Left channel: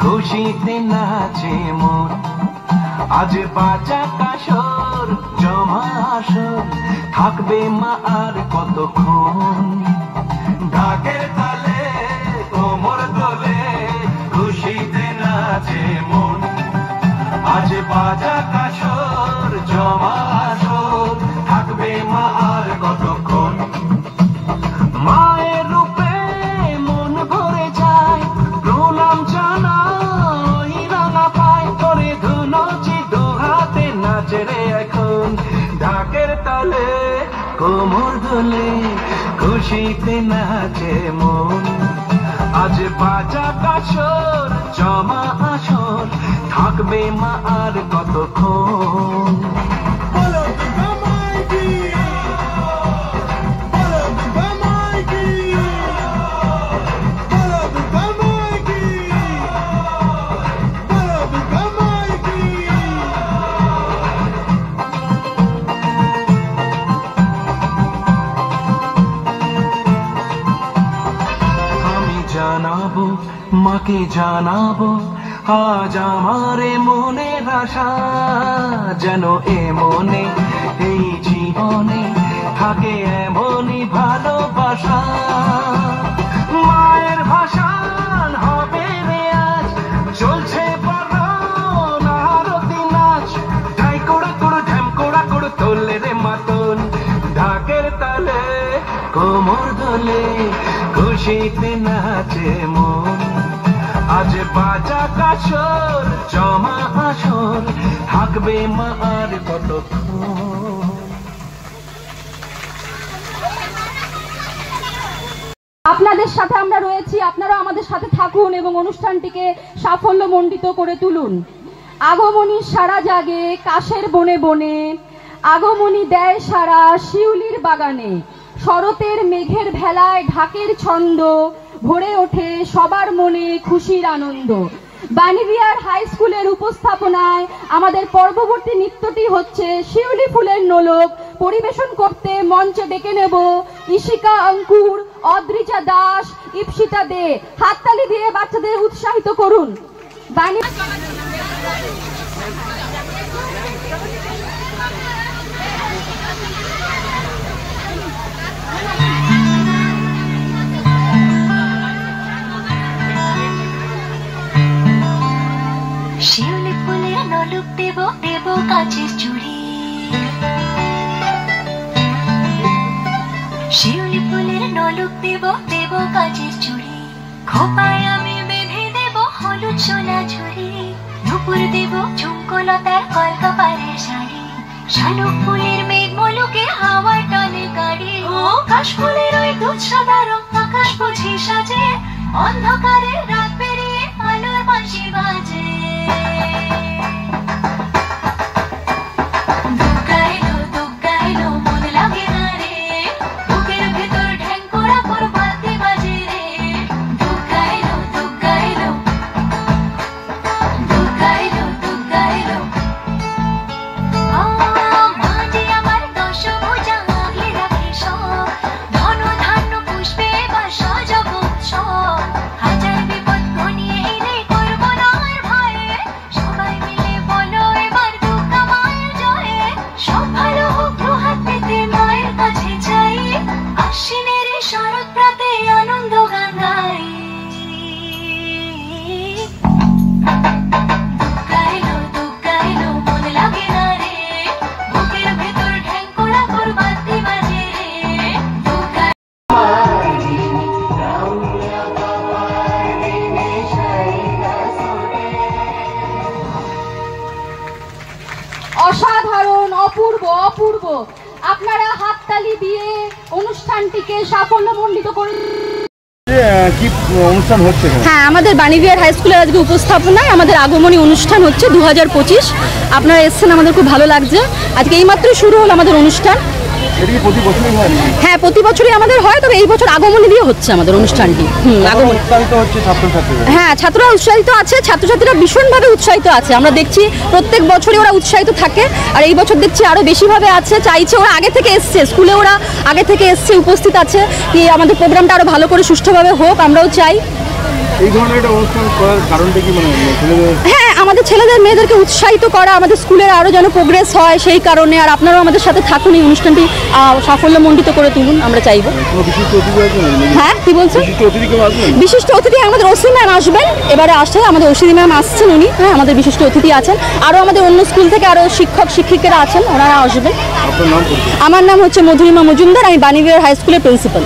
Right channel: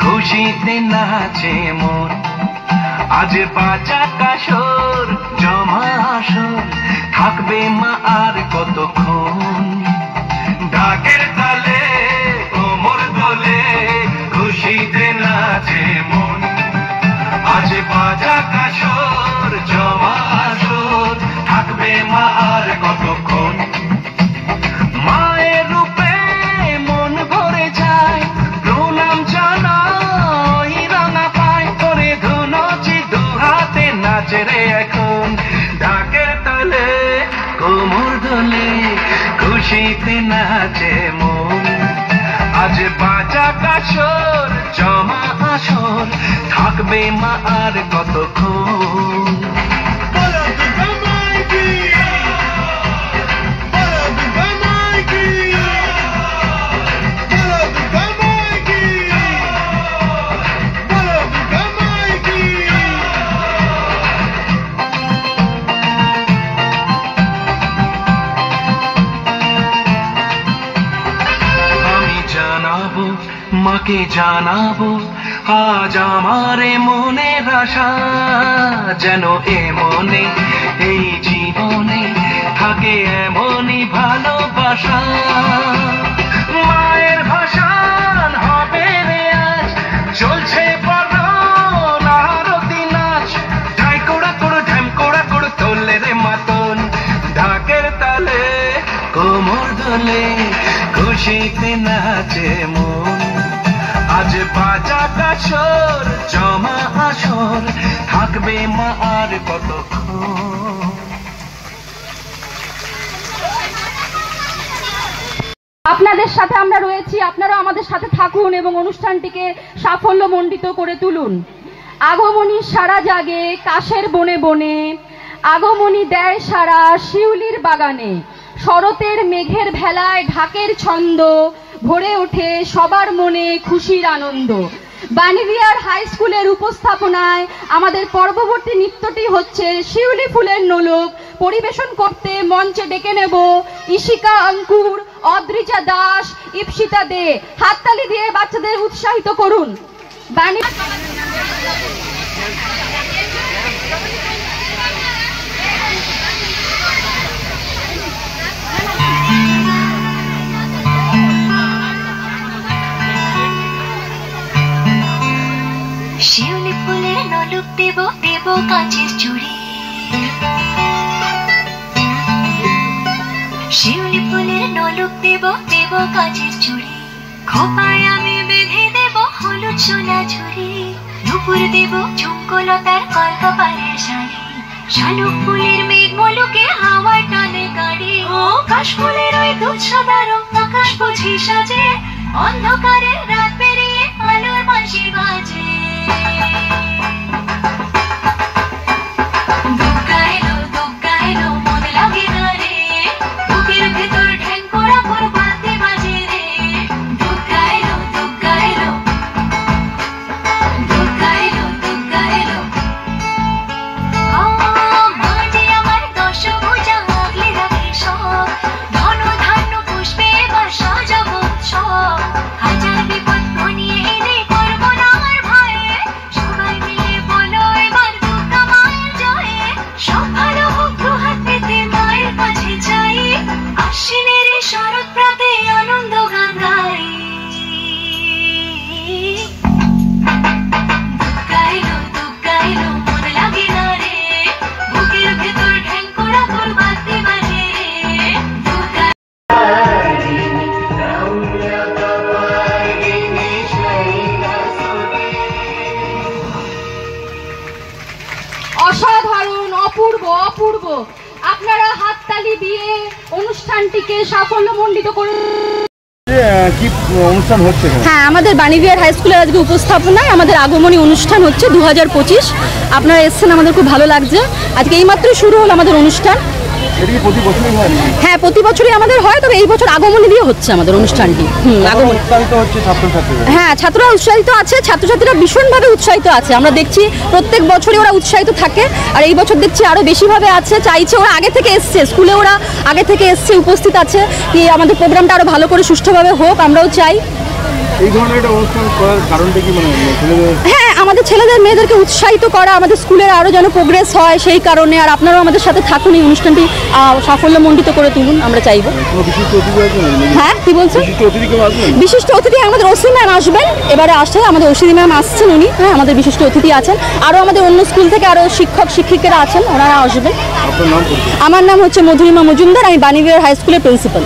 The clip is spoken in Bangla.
খুশিতে নাচে মন আজ বাজা কাশর জমা আসর থাকবে মা আর কতক্ষণ ঢাকের তালে কোমর দোলে খুশিতে নাচে মন আজ বাজা কাশর জমা আসর থাকবে মা আর কতক্ষণ মায়ের রূপে মন ভরে যায় প্রণাম জানাই রাঙা পায় করে ধুনুচি দু হাতে নাচে রে এখন ঢাকের তালে কোমর দোলে খুশিতে নাচে মন আজ বাজা কাশর জমা আসর থাকবে মা আর কতক্ষণ মাকে জানাবো আজ আমারে মনের আশা যেন এমনে এই জীবনে থাকে এমনই ভালোবাসা মায়ের ভাষণ হবে রে আজ চলছে আরতি নাচ ঢাই কোড়া কোড় ঢ্যাম কোড়া কোড় তোলে রে মাতন ঢাকের তালে কোমর দোলে খুশিতে নাচে মন আজ বাজা কাশর জমা আসর থাকবে মা আর কতক্ষণ আপনাদের সাথে আমরা রয়েছি আপনারা আমাদের সাথে থাকুন এবং অনুষ্ঠানটিকে সাফল্যমণ্ডিত করে তুলুন আগমনী সারা জাগে কাশের বনে বনে আগমনী দেয় সারা শিউলির বাগানে শরতের মেঘের ভেলায় ঢাকের ছন্দ ভরে ওঠে সবার মনে খুশির আনন্দ বাণীবিহার হাই স্কুলের উপস্থাপনায় আমাদের পরবর্তী নৃত্যটি হচ্ছে শিউলি ফুলের নোলক পরিবেশন করতে মঞ্চে ডেকে নেব ইশিকা অঙ্কুর অদ্রিজা দাস ইপসিতা দে হাততালি দিয়ে বাচ্চাদের উৎসাহিত করুন বাণী শিউলি ফুলের নলুক দেব দেব কাচের চুড়ি শিউলি ফুলের নলুক দেব দেব কাচের চুড়ি খোপায় আমি বেঁধে দেব হলুদ সোনা ঝুড়ি নুপুর দেব ঝুমকোলতার কলকাপাড়ের শাড়ি শালুক ফুলের মেঘ মলুকে হাওয়ার টানে গাড়ি ও কাশফুলের ওই দুধ সাদা রং আকাশ বুঝি সাজে অন্ধকারে রাত পেরিয়ে আলোর বাঁশি বাজে অসাধারণ অপূর্ব অপূর্ব আপনারা হাততালি দিয়ে অনুষ্ঠানটিকে সাফল্যমণ্ডিত করুন। কি অনুষ্ঠান হচ্ছে এখানে? হ্যাঁ, আমাদের বাণীবিহার হাই স্কুলের আজকে উপস্থাপনায় আমাদের আগমনী অনুষ্ঠান হচ্ছে 2025। আপনারা এসেছেন, আমাদের খুব ভালো লাগছে। আজকে এইমাত্রই শুরু হলো আমাদের অনুষ্ঠান। এটা কি প্রতি বছরই হয়? হ্যাঁ, প্রতি বছরই আমাদের হয়, তবে এই বছর আগমনী দিয়ে হচ্ছে আমাদের অনুষ্ঠানটি। আগমনী। উৎসাহিত হচ্ছে ছাত্রছাত্রীরা? হ্যাঁ, ছাত্ররা উৎসাহিত আছে, ছাত্রছাত্রীরা ভীষণভাবে উৎসাহিত আছে। আমরা দেখছি প্রত্যেক বছরই ওরা উৎসাহিত থাকে, আর এই বছর দেখছি আরো বেশিভাবে আছে। চাইছে, ওরা আগে থেকে এসছে, স্কুলে ওরা আগে থেকে এসছে, উপস্থিত আছে, কি আমাদের প্রোগ্রামটা আরো ভালো করে সুষ্ঠুভাবে হোক, আমরাও চাই। এই ধরনের একটা অনুষ্ঠান করার কারণটা কি, মানে ছেলেদের? হ্যাঁ, আমাদের ছেলেদের মেয়েদেরকে উৎসাহিত করা, আমাদের স্কুলের আরো যেন প্রোগ্রেস হয় সেই কারণে। আর আপনারাও আমাদের সাথে থাকুন, এই অনুষ্ঠানটি সাফল্যমণ্ডিত করে তুলুন, আমরা চাইবো। কোনো বিশিষ্ট অতিথি আসবেন? হ্যাঁ, কি বলছেন? বিশিষ্ট অতিথি কেউ আসবেন? বিশিষ্ট অতিথি আমাদের ওসি ম্যাম আসবেন, এবারে আসে আমাদের ওসি ম্যাম আসছেন উনি। হ্যাঁ, আমাদের বিশিষ্ট অতিথি আছেন, আরও আমাদের অন্য স্কুল থেকে আরও শিক্ষক শিক্ষিকারা আছেন, ওনারা আসবেন। আপনার নাম? আমার নাম হচ্ছে মধুরিমা মজুমদার, আমি বাণীবিহার হাই স্কুলের প্রিন্সিপাল।